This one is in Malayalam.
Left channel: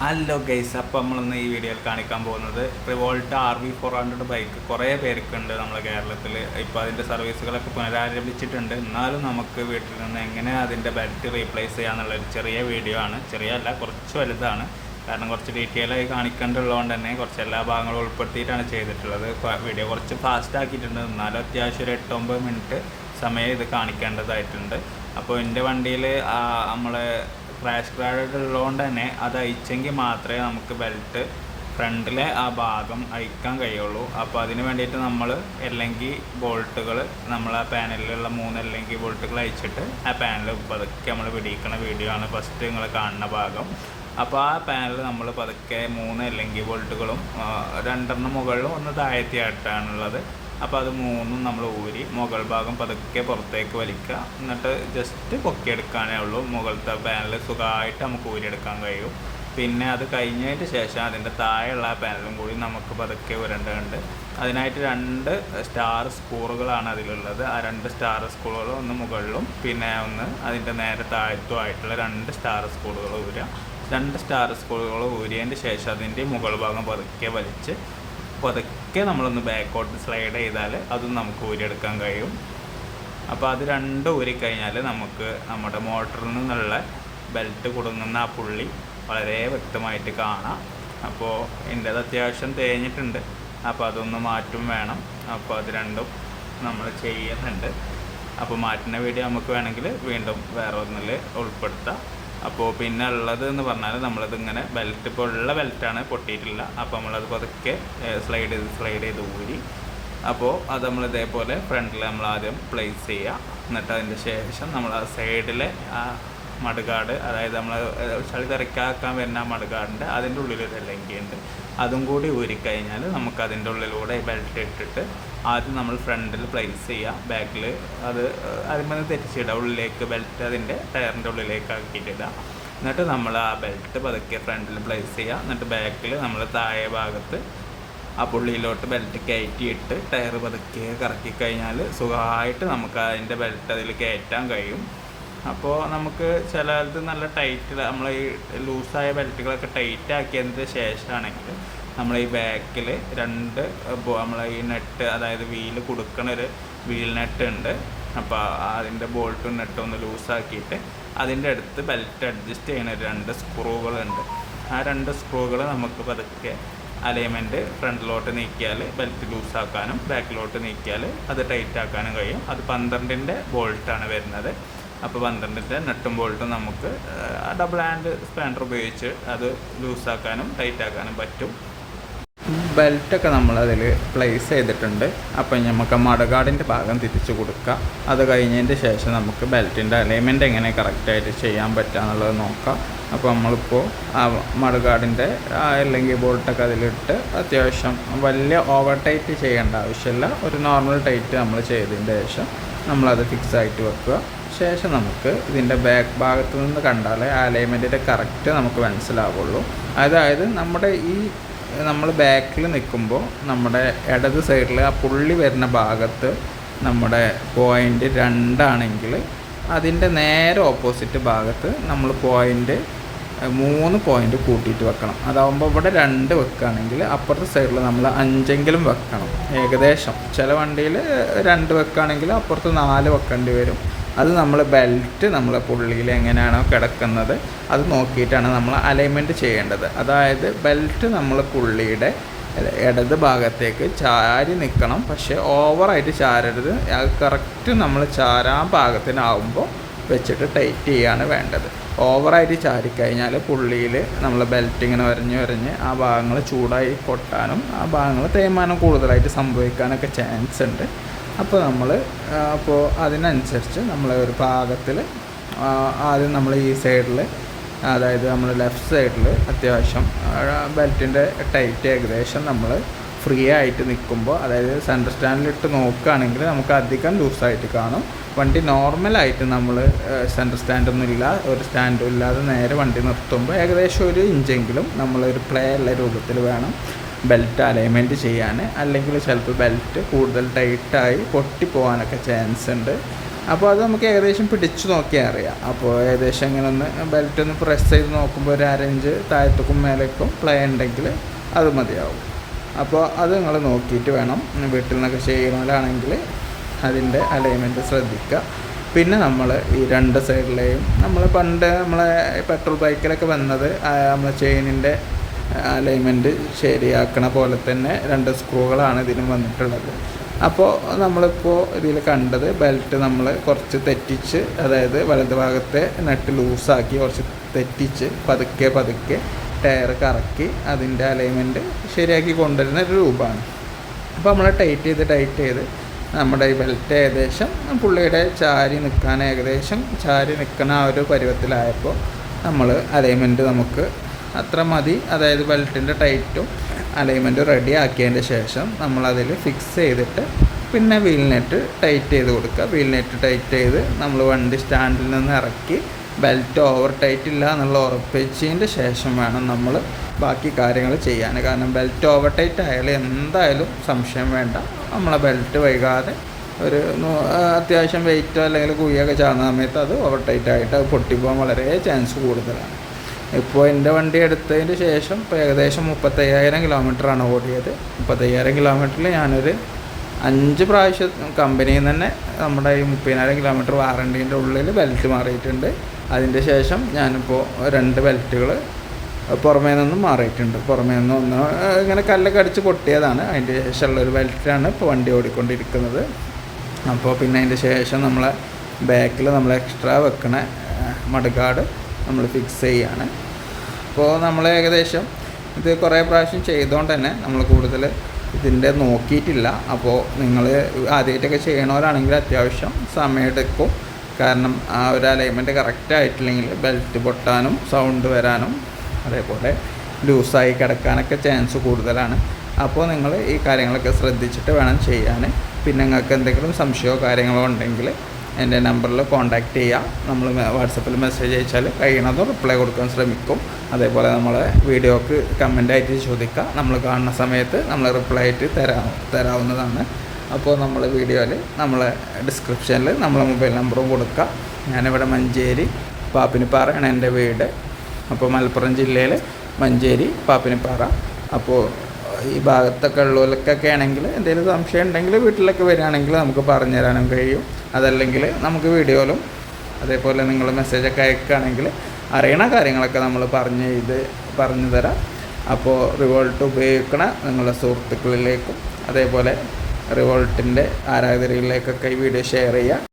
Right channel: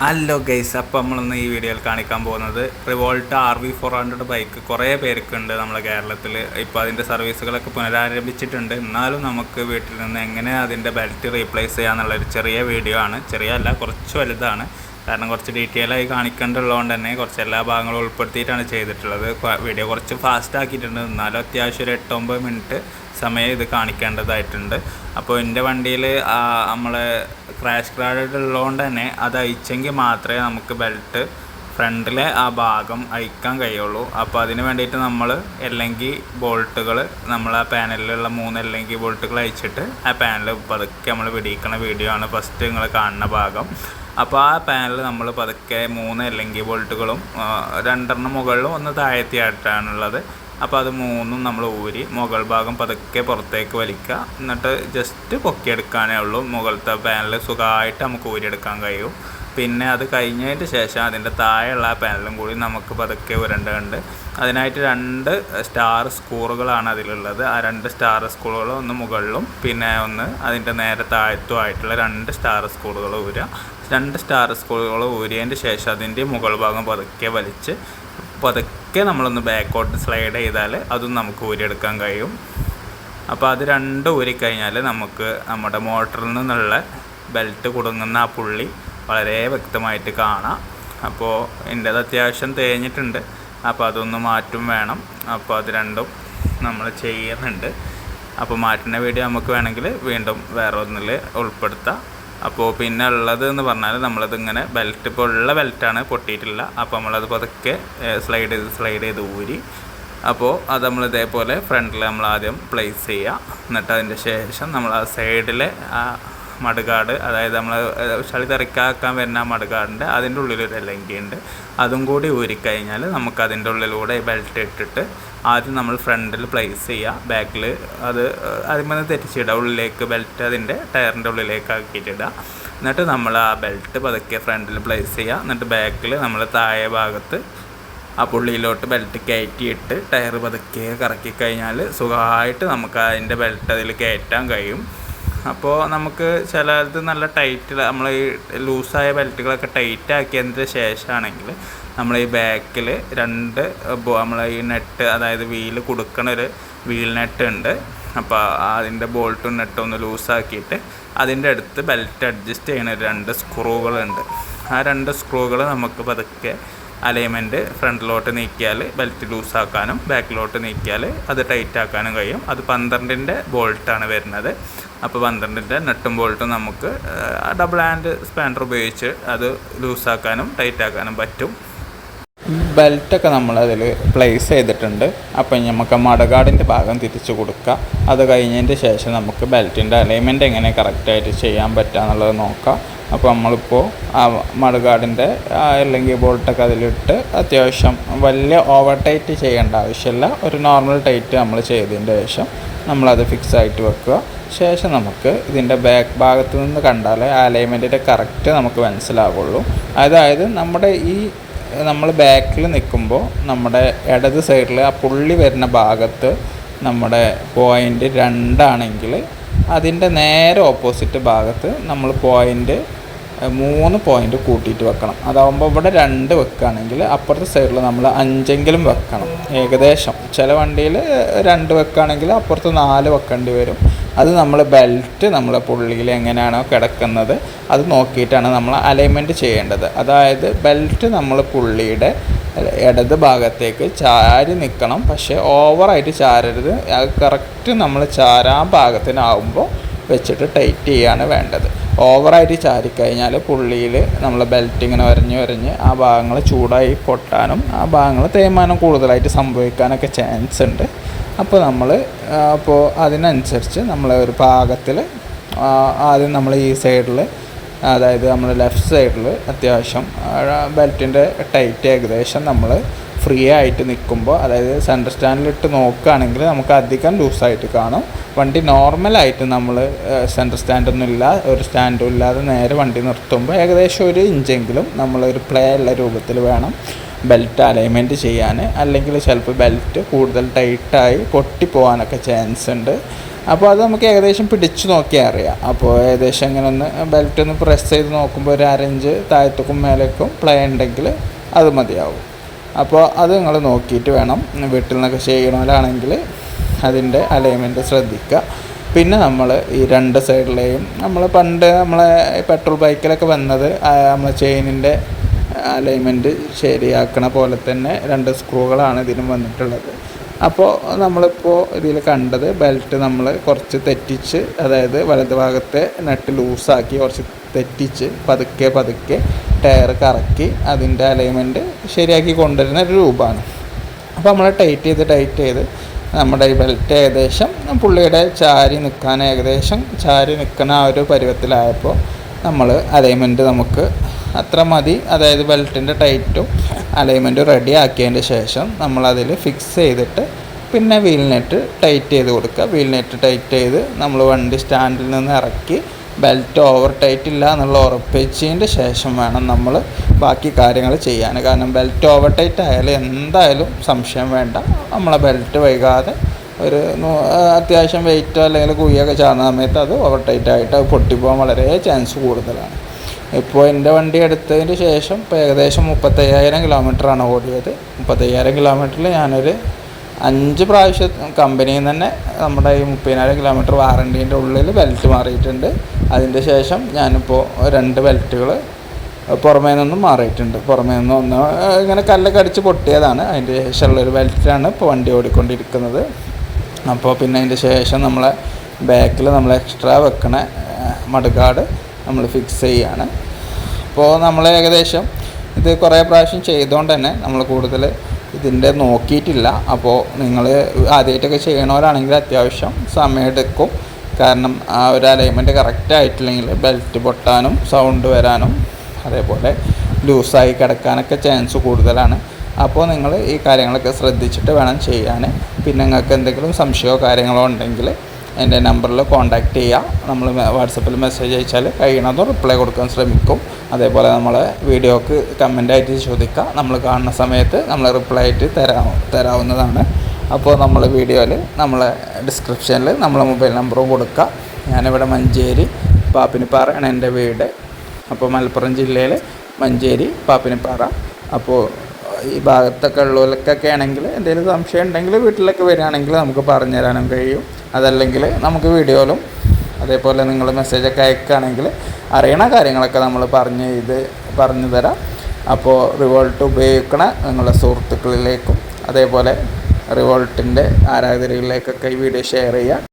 ഹലോ ഗൈസ് അപ്പോൾ നമ്മളിന്ന് ഈ വീഡിയോയിൽ കാണിക്കാൻ പോകുന്നത് Revolt R V four hundred bike കുറേ പേർക്കുണ്ട് നമ്മുടെ കേരളത്തിൽ ഇപ്പോൾ അതിന്റെ സർവീസുകളൊക്കെ പുനരാരംഭിച്ചിട്ടുണ്ട്. എന്നാലും നമുക്ക് വീട്ടിൽ നിന്ന് എങ്ങനെ അതിന്റെ ബെൽറ്റ് റീപ്ലേസ് ചെയ്യാന്നുള്ളൊരു ചെറിയ വീഡിയോ ആണ്. ചെറിയ അല്ല കുറച്ച് വലുതാണ്. കാരണം കുറച്ച് ഡീറ്റെയിൽ ആയി കാണിക്കേണ്ടതുള്ളതുകൊണ്ട് തന്നെ കുറച്ച് എല്ലാ ഭാഗങ്ങളും ഉൾപ്പെടുത്തിയിട്ടാണ് ചെയ്തിട്ടുള്ളത്. വീഡിയോ കുറച്ച് ഫാസ്റ്റ് ആക്കിയിട്ടുണ്ട്. എന്നാലും അത്യാവശ്യം ഒരു എട്ടൊമ്പത് മിനിറ്റ് സമയം ഇത് കാണിക്കേണ്ടതായിട്ടുണ്ട്. അപ്പോൾ എന്റെ വണ്ടിയിൽ നമ്മളെ ക്രാഷ് ഗാർഡ് ഉള്ളതുകൊണ്ട് തന്നെ അത് അയച്ചെങ്കിൽ മാത്രമേ നമുക്ക് ബെൽറ്റ് ഫ്രണ്ടിലെ ആ ഭാഗം അയക്കാൻ കഴിയുള്ളൂ. അപ്പോൾ അതിന് വേണ്ടിയിട്ട് നമ്മൾ എല്ലെങ്കിൽ ബോൾട്ടുകൾ നമ്മൾ ആ പാനലിലുള്ള മൂന്ന് എല്ലെങ്കിൽ ബോൾട്ടുകൾ അയച്ചിട്ട് ആ പാനൽ പതുക്കെ നമ്മൾ പിടിക്കുന്ന വീഡിയോ ആണ് ഫസ്റ്റ് നിങ്ങൾ കാണുന്ന ഭാഗം. അപ്പോൾ ആ പാനൽ നമ്മൾ പതുക്കെ മൂന്ന് എല്ലെങ്കിൽ ബോൾട്ടുകളും രണ്ടെണ്ണം മുകളിലും ഒന്ന് താഴെത്തിയായിട്ടാണുള്ളത് അപ്പോൾ അത് മൂന്നും നമ്മൾ ഊരി മുകൾ ഭാഗം പതുക്കെ പുറത്തേക്ക് വലിക്കുക. എന്നിട്ട് ജസ്റ്റ് പൊക്കിയെടുക്കാനേ ഉള്ളൂ. മുകളിലത്തെ പാനൽ സുഖമായിട്ട് നമുക്ക് ഊരിയെടുക്കാൻ കഴിയും. പിന്നെ അത് കഴിഞ്ഞതിന് ശേഷം അതിന്റെ താഴെയുള്ള ആ പാനലും കൂടി നമുക്ക് പതുക്കെ ഉരണ്ടുണ്ട് അതിനായിട്ട് രണ്ട് സ്റ്റാർ സ്കൂറുകളാണ് അതിലുള്ളത്. ആ രണ്ട് സ്റ്റാർ സ്കൂളുകൾ ഒന്ന് മുകളിലും പിന്നെ ഒന്ന് അതിന്റെ നേരെ താഴത്തും ആയിട്ടുള്ള രണ്ട് സ്റ്റാർ സ്കൂളുകൾ ഊരുക. രണ്ട് സ്റ്റാർ സ്കൂളുകൾ ഊരിയതിന്റെ ശേഷം അതിന്റെ മുകൾ ഭാഗം പതുക്കെ വലിച്ച് പതുക്കെ നമ്മളൊന്ന് ബാക്കോട്ട് സ്ലൈഡ് ചെയ്താൽ അതും നമുക്ക് ഊരിയെടുക്കാൻ കഴിയും. അപ്പോൾ അത് രണ്ട് ഊരിക്കഴിഞ്ഞാൽ നമുക്ക് നമ്മുടെ മോട്ടറിൽ നിന്നുള്ള ബെൽറ്റ് കുടുങ്ങുന്ന ആ പുള്ളി വളരെ വ്യക്തമായിട്ട് കാണാം. അപ്പോൾ എന്റേത് അത്യാവശ്യം തേഞ്ഞിട്ടുണ്ട്. അപ്പോൾ അതൊന്ന് മാറ്റും വേണം. അപ്പോൾ അത് രണ്ടും നമ്മൾ ചെയ്യുന്നുണ്ട്. അപ്പോൾ മാറ്റുന്ന വീഡിയോ നമുക്ക് വേണമെങ്കിൽ വീണ്ടും വേറെ ഒന്നിൽ ഉൾപ്പെടുത്താം. അപ്പോൾ പിന്നെ ഉള്ളത് എന്ന് പറഞ്ഞാൽ നമ്മളത് ഇങ്ങനെ ബെൽറ്റ് ഇപ്പോൾ ഉള്ള ബെൽറ്റാണ് പൊട്ടിയിട്ടില്ല അപ്പോൾ നമ്മളത് പതുക്കെ സ്ലൈഡ് ചെയ്ത് സ്ലൈഡ് ചെയ്ത് ഊരി. അപ്പോൾ അത് നമ്മൾ ഇതേപോലെ ഫ്രണ്ടിൽ നമ്മൾ ആദ്യം പ്ലേസ് ചെയ്യുക എന്നിട്ട് അതിന്റെ ശേഷം നമ്മൾ ആ സൈഡിലെ ആ മടുകാട്. അതായത് നമ്മൾ ചളി തെറിക്കാക്കാൻ വരുന്ന മടുകാടിന്റെ അതിന്റെ ഉള്ളിലൊരു എലങ്കി ഉണ്ട് അതും കൂടി ഊരിക്കഴിഞ്ഞാൽ നമുക്ക് അതിന്റെ ഉള്ളിലൂടെ ബെൽറ്റ് ഇട്ടിട്ട് ആദ്യം നമ്മൾ ഫ്രണ്ടിൽ പ്ലേസ് ചെയ്യുക. ബാക്കിൽ അത് അതിന് തെറ്റിച്ചിടുക. ഉള്ളിലേക്ക് ബെൽറ്റ് അതിന്റെ ടയറിന്റെ ഉള്ളിലേക്ക് ആക്കിയിട്ടിടുക എന്നിട്ട് നമ്മൾ ആ ബെൽറ്റ് പതുക്കെ ഫ്രണ്ടിൽ പ്ലേസ് ചെയ്യുക. എന്നിട്ട് ബാക്കിൽ നമ്മൾ താഴെ ഭാഗത്ത് ആ പുള്ളിയിലോട്ട് ബെൽറ്റ് കയറ്റിയിട്ട് ടയർ പതുക്കെ കറക്കി കഴിഞ്ഞാൽ സുഖമായിട്ട് നമുക്ക് അതിന്റെ ബെൽറ്റ് അതിൽ കയറ്റാൻ കഴിയും. അപ്പോൾ നമുക്ക് ചിലത് നല്ല ടൈറ്റ് നമ്മൾ ഈ ലൂസായ ബെൽറ്റുകളൊക്കെ ടൈറ്റ് ആക്കിയതിന് ശേഷമാണെങ്കിൽ നമ്മൾ ഈ ബാക്കിൽ രണ്ട് നമ്മൾ ഈ നെറ്റ് അതായത് വീൽ കൊടുക്കണ ഒരു വീൽ നെറ്റ് ഉണ്ട് അപ്പോൾ അതിന്റെ ബോൾട്ടും നെട്ടും ഒന്ന് ലൂസാക്കിയിട്ട് അതിന്റെ അടുത്ത് ബെൽറ്റ് അഡ്ജസ്റ്റ് ചെയ്യണ രണ്ട് സ്ക്രൂകളുണ്ട് ആ രണ്ട് സ്ക്രൂകൾ നമുക്ക് പതുക്കെ അലൈൻമെന്റ് ഫ്രണ്ടിലോട്ട് നീക്കിയാൽ ബെൽറ്റ് ലൂസാക്കാനും ബാക്കിലോട്ട് നീക്കിയാൽ അത് ടൈറ്റ് ആക്കാനും കഴിയും. അത് പന്ത്രണ്ടിന്റെ ബോൾട്ടാണ് വരുന്നത്. അപ്പോൾ പന്ത്രണ്ടിന്റെ നെട്ടും ബോൾട്ടും നമുക്ക് ഡബിൾ ഹാൻഡ് സ്പാനർ ഉപയോഗിച്ച് അത് ലൂസാക്കാനും ടൈറ്റാക്കാനും പറ്റും. ബെൽറ്റൊക്കെ നമ്മളതിൽ പ്ലേസ് ചെയ്തിട്ടുണ്ട്. അപ്പം നമുക്ക് മടകാടിന്റെ ഭാഗം തിരിച്ചു കൊടുക്കുക അത് കഴിഞ്ഞതിന്റെ ശേഷം നമുക്ക് ബെൽറ്റിന്റെ അലൈൻമെന്റ് എങ്ങനെ കറക്റ്റായിട്ട് ചെയ്യാൻ പറ്റുക എന്നുള്ളത് നോക്കാം. അപ്പോൾ നമ്മളിപ്പോൾ ആ മടകാടിന്റെ അല്ലെങ്കിൽ ബോൾട്ടൊക്കെ അതിലിട്ട് അത്യാവശ്യം വലിയ ഓവർ ടൈറ്റ് ചെയ്യേണ്ട ആവശ്യമില്ല. ഒരു നോർമൽ ടൈറ്റ് നമ്മൾ ചെയ്തതിന്റെ ശേഷം നമ്മളത് ഫിക്സ് ആയിട്ട് വെക്കുക. ശേഷം നമുക്ക് ഇതിന്റെ ബാക്ക് ഭാഗത്ത് നിന്ന് കണ്ടാൽ അലൈൻമെന്റിന്റെ കറക്റ്റ് നമുക്ക് മനസ്സിലാവുള്ളൂ. അതായത് നമ്മുടെ ഈ നമ്മൾ ബാക്കിൽ നിൽക്കുമ്പോൾ നമ്മുടെ ഇടത് സൈഡിൽ ആ പുള്ളി വരുന്ന ഭാഗത്ത് നമ്മുടെ പോയിന്റ് രണ്ടാണെങ്കിൽ അതിന്റെ നേരെ ഓപ്പോസിറ്റ് ഭാഗത്ത് നമ്മൾ പോയിന്റ് മൂന്ന് പോയിന്റ് കൂട്ടിയിട്ട് വെക്കണം. അതാവുമ്പോൾ ഇവിടെ രണ്ട് വെക്കുകയാണെങ്കിൽ അപ്പുറത്തെ സൈഡിൽ നമ്മൾ അഞ്ചെങ്കിലും വെക്കണം ഏകദേശം. ചില വണ്ടിയിൽ രണ്ട് വെക്കുകയാണെങ്കിൽ അപ്പുറത്ത് നാല് വെക്കേണ്ടി വരും. അത് നമ്മൾ ബെൽറ്റ് നമ്മളെ പുള്ളിയിൽ എങ്ങനെയാണോ കിടക്കുന്നത് അത് നോക്കിയിട്ടാണ് നമ്മൾ അലൈൻമെന്റ് ചെയ്യേണ്ടത്. അതായത് ബെൽറ്റ് നമ്മൾ പുള്ളിയുടെ ഇടത് ഭാഗത്തേക്ക് ചാരി നിൽക്കണം പക്ഷേ ഓവറായിട്ട് ചാരരുത്. അത് കറക്റ്റ് നമ്മൾ ചാരാൻ പാകത്തിനാവുമ്പോൾ വെച്ചിട്ട് ടൈറ്റ് ചെയ്യാണ് വേണ്ടത്. ഓവറായിട്ട് ചാരിക്കഴിഞ്ഞാൽ പുള്ളിയിൽ നമ്മൾ ബെൽറ്റ് ഇങ്ങനെ വരഞ്ഞ് വരഞ്ഞ് ആ ഭാഗങ്ങൾ ചൂടായി പൊട്ടാനും ആ ഭാഗങ്ങൾ തേയ്മാനം കൂടുതലായിട്ട് സംഭവിക്കാനൊക്കെ ചാൻസ് ഉണ്ട്. അപ്പോൾ നമ്മൾ അപ്പോൾ അതിനനുസരിച്ച് നമ്മൾ ഒരു പാകത്തിൽ ആദ്യം നമ്മൾ ഈ സൈഡിൽ അതായത് നമ്മൾ ലെഫ്റ്റ് സൈഡിൽ അത്യാവശ്യം ബെൽറ്റിന്റെ ടൈറ്റ് ഏകദേശം നമ്മൾ ഫ്രീ ആയിട്ട് നിൽക്കുമ്പോൾ അതായത് സെന്റർ സ്റ്റാൻഡിലിട്ട് നോക്കുകയാണെങ്കിൽ നമുക്ക് അധികം ലൂസായിട്ട് കാണും. വണ്ടി നോർമലായിട്ട് നമ്മൾ സെന്റർ സ്റ്റാൻഡൊന്നും ഇല്ല ഒരു സ്റ്റാൻഡും ഇല്ലാതെ നേരെ വണ്ടി നിർത്തുമ്പോൾ ഏകദേശം ഒരു ഇഞ്ചെങ്കിലും നമ്മളൊരു പ്ലേ ഉള്ള രൂപത്തിൽ വേണം. ബെൽറ്റ് അലൈൻമെന്റ് ചെയ്യാൻ അല്ലെങ്കിൽ ചിലപ്പോൾ ബെൽറ്റ് കൂടുതൽ ടൈറ്റായി പൊട്ടിപ്പോകാനൊക്കെ ചാൻസ് ഉണ്ട്. അപ്പോൾ അത് നമുക്ക് ഏകദേശം പിടിച്ചു നോക്കിയാൽ അറിയാം. അപ്പോൾ ഏകദേശം ഇങ്ങനെ ഒന്ന് ബെൽറ്റ് ഒന്ന് പ്രസ് ചെയ്ത് നോക്കുമ്പോൾ ഒരു അരഞ്ച് താഴത്തേക്കും മേലേക്കും പ്ലേ ഉണ്ടെങ്കിൽ അത് മതിയാവും. അപ്പോൾ അത് നിങ്ങൾ നോക്കിയിട്ട് വേണം വീട്ടിൽ നിന്നൊക്കെ ചെയ്യണമല്ലാണെങ്കിൽ അതിന്റെ അലൈൻമെന്റ് ശ്രദ്ധിക്കുക. പിന്നെ നമ്മൾ ഈ രണ്ട് സൈഡിലെയും നമ്മൾ പണ്ട് നമ്മളെ പെട്രോൾ ബൈക്കിലൊക്കെ വന്നത് നമ്മളെ ചെയിനിന്റെ അലൈൻമെന്റ് ശരിയാക്കണ പോലെ തന്നെ രണ്ട് സ്ക്രൂകളാണ് ഇതിനും വന്നിട്ടുള്ളത്. അപ്പോൾ നമ്മളിപ്പോൾ ഇതിൽ കണ്ടത് ബെൽറ്റ് നമ്മൾ കുറച്ച് തെറ്റിച്ച് അതായത് വലത് ഭാഗത്തെ നെറ്റ് ലൂസാക്കി കുറച്ച് തെറ്റിച്ച് പതുക്കെ പതുക്കെ ടയർ കറക്കി അതിന്റെ അലൈൻമെന്റ് ശരിയാക്കി കൊണ്ടുവരുന്ന ഒരു രൂപമാണ്. അപ്പോൾ നമ്മൾ ടൈറ്റ് ചെയ്ത് ടൈറ്റ് ചെയ്ത് നമ്മുടെ ഈ ബെൽറ്റ് ഏകദേശം പുള്ളിയുടെ ചാരി നിൽക്കാൻ ഏകദേശം ചാരി നിൽക്കുന്ന ആ ഒരു പരുവത്തിലായപ്പോൾ നമ്മൾ അലൈൻമെന്റ് നമുക്ക് അത്ര മതി. അതായത് ബെൽറ്റിന്റെ ടൈറ്റും അലൈൻമെന്റും റെഡി ആക്കിയതിന്റെ ശേഷം നമ്മളതിൽ ഫിക്സ് ചെയ്തിട്ട് പിന്നെ വീൽ നെറ്റ് ടൈറ്റ് ചെയ്ത് കൊടുക്കുക. വീൽ നെറ്റ് ടൈറ്റ് ചെയ്ത് നമ്മൾ വണ്ടി സ്റ്റാൻഡിൽ നിന്ന് ഇറക്കി ബെൽറ്റ് ഓവർ ടൈറ്റ് ഇല്ല എന്നുള്ള ഉറപ്പിച്ചതിന്റെ ശേഷം വേണം നമ്മൾ ബാക്കി കാര്യങ്ങൾ ചെയ്യാൻ. കാരണം ബെൽറ്റ് ഓവർ ടൈറ്റ് ആയാലും എന്തായാലും സംശയം വേണ്ട. നമ്മളെ ബെൽറ്റ് വൈകാതെ ഒരു അത്യാവശ്യം വെയിറ്റോ അല്ലെങ്കിൽ കുഴിയൊക്കെ ചാടുന്ന സമയത്ത് അത് ഓവർ ടൈറ്റ് ആയിട്ട് അത് പൊട്ടിപ്പോകാൻ വളരെ ചാൻസ് കൂടുതലാണ്. ഇപ്പോൾ എന്റെ വണ്ടി എടുത്തതിന് ശേഷം ഇപ്പോൾ ഏകദേശം മുപ്പത്തയ്യായിരം കിലോമീറ്ററാണ് ഓടിയത്. മുപ്പത്തയ്യായിരം കിലോമീറ്ററിൽ ഞാനൊരു അഞ്ച് പ്രാവശ്യം കമ്പനിയിൽ നിന്ന് തന്നെ നമ്മുടെ ഈ മുപ്പതിനായിരം കിലോമീറ്റർ വാറണ്ടീന്റെ ഉള്ളിൽ ബെൽറ്റ് മാറിയിട്ടുണ്ട്. അതിന്റെ ശേഷം ഞാനിപ്പോൾ രണ്ട് ബെൽറ്റുകൾ പുറമേ നിന്നും മാറിയിട്ടുണ്ട്. പുറമേ നിന്ന് ഒന്ന് ഇങ്ങനെ കല്ലൊക്കെ അടിച്ച് പൊട്ടിയതാണ്. അതിന്റെ ശേഷമുള്ളൊരു ബെൽറ്റാണ് ഇപ്പോൾ വണ്ടി ഓടിക്കൊണ്ടിരിക്കുന്നത്. അപ്പോൾ പിന്നെ അതിന്റെ ശേഷം നമ്മളെ ബാക്കിൽ നമ്മൾ എക്സ്ട്രാ വെക്കണ മടുകാട് നമ്മൾ ഫിക്സ് ചെയ്യുകയാണ് അപ്പോൾ നമ്മൾ ഏകദേശം ഇത് കുറേ പ്രാവശ്യം ചെയ്തുകൊണ്ട് തന്നെ നമ്മൾ കൂടുതൽ ഇതിന്റെ നോക്കിയിട്ടില്ല. അപ്പോൾ നിങ്ങൾ ആദ്യമായിട്ടൊക്കെ ചെയ്യണവരാണെങ്കിൽ അത്യാവശ്യം സമയമെടുക്കും കാരണം ആ ഒരു അലൈൻമെന്റ് കറക്റ്റ് ആയിട്ടില്ലെങ്കിൽ ബെൽറ്റ് പൊട്ടാനും സൗണ്ട് വരാനും അതേപോലെ ലൂസായി കിടക്കാനൊക്കെ ചാൻസ് കൂടുതലാണ്. അപ്പോൾ നിങ്ങൾ ഈ കാര്യങ്ങളൊക്കെ ശ്രദ്ധിച്ചിട്ട് വേണം ചെയ്യാൻ. പിന്നെ നിങ്ങൾക്ക് എന്തെങ്കിലും സംശയമോ കാര്യങ്ങളോ ഉണ്ടെങ്കിൽ എന്റെ നമ്പറിൽ കോൺടാക്റ്റ് ചെയ്യുക. നമ്മൾ വാട്സപ്പിൽ മെസ്സേജ് അയച്ചാൽ കഴിയണതും റിപ്ലൈ കൊടുക്കാൻ ശ്രമിക്കും. അതേപോലെ നമ്മളെ വീഡിയോക്ക് കമന്റ് ആയിട്ട് ചോദിക്കുക. നമ്മൾ കാണുന്ന സമയത്ത് നമ്മൾ റിപ്ലൈ ആയിട്ട് തരാ തരാവുന്നതാണ്. അപ്പോൾ നമ്മൾ വീഡിയോയിൽ നമ്മളെ ഡിസ്ക്രിപ്ഷനിൽ നമ്മളെ മൊബൈൽ നമ്പറും കൊടുക്കുക. ഞാനിവിടെ മഞ്ചേരി പാപ്പിനിപ്പാറയാണ് എന്റെ വീട്. അപ്പോൾ മലപ്പുറം ജില്ലയിൽ മഞ്ചേരി പാപ്പിനിപ്പാറ. അപ്പോൾ ഈ ഭാഗത്തൊക്കെ ഉള്ളവർക്കൊക്കെ ആണെങ്കിൽ എന്തെങ്കിലും സംശയം ഉണ്ടെങ്കിൽ വീട്ടിലൊക്കെ വരികയാണെങ്കിൽ നമുക്ക് പറഞ്ഞു തരാനും കഴിയും. അതല്ലെങ്കിൽ നമുക്ക് വീഡിയോയിലും അതേപോലെ നിങ്ങൾ മെസ്സേജൊക്കെ അയക്കുകയാണെങ്കിൽ അറിയണ കാര്യങ്ങളൊക്കെ നമ്മൾ പറഞ്ഞ് ഇത് പറഞ്ഞു തരാം. അപ്പോൾ റിവോൾട്ട് ഉപയോഗിക്കണ നിങ്ങളുടെ സുഹൃത്തുക്കളിലേക്കും അതേപോലെ റിവോൾട്ടിന്റെ ആരാധകരിലേക്കൊക്കെ ഈ വീഡിയോ ഷെയർ ചെയ്യുക.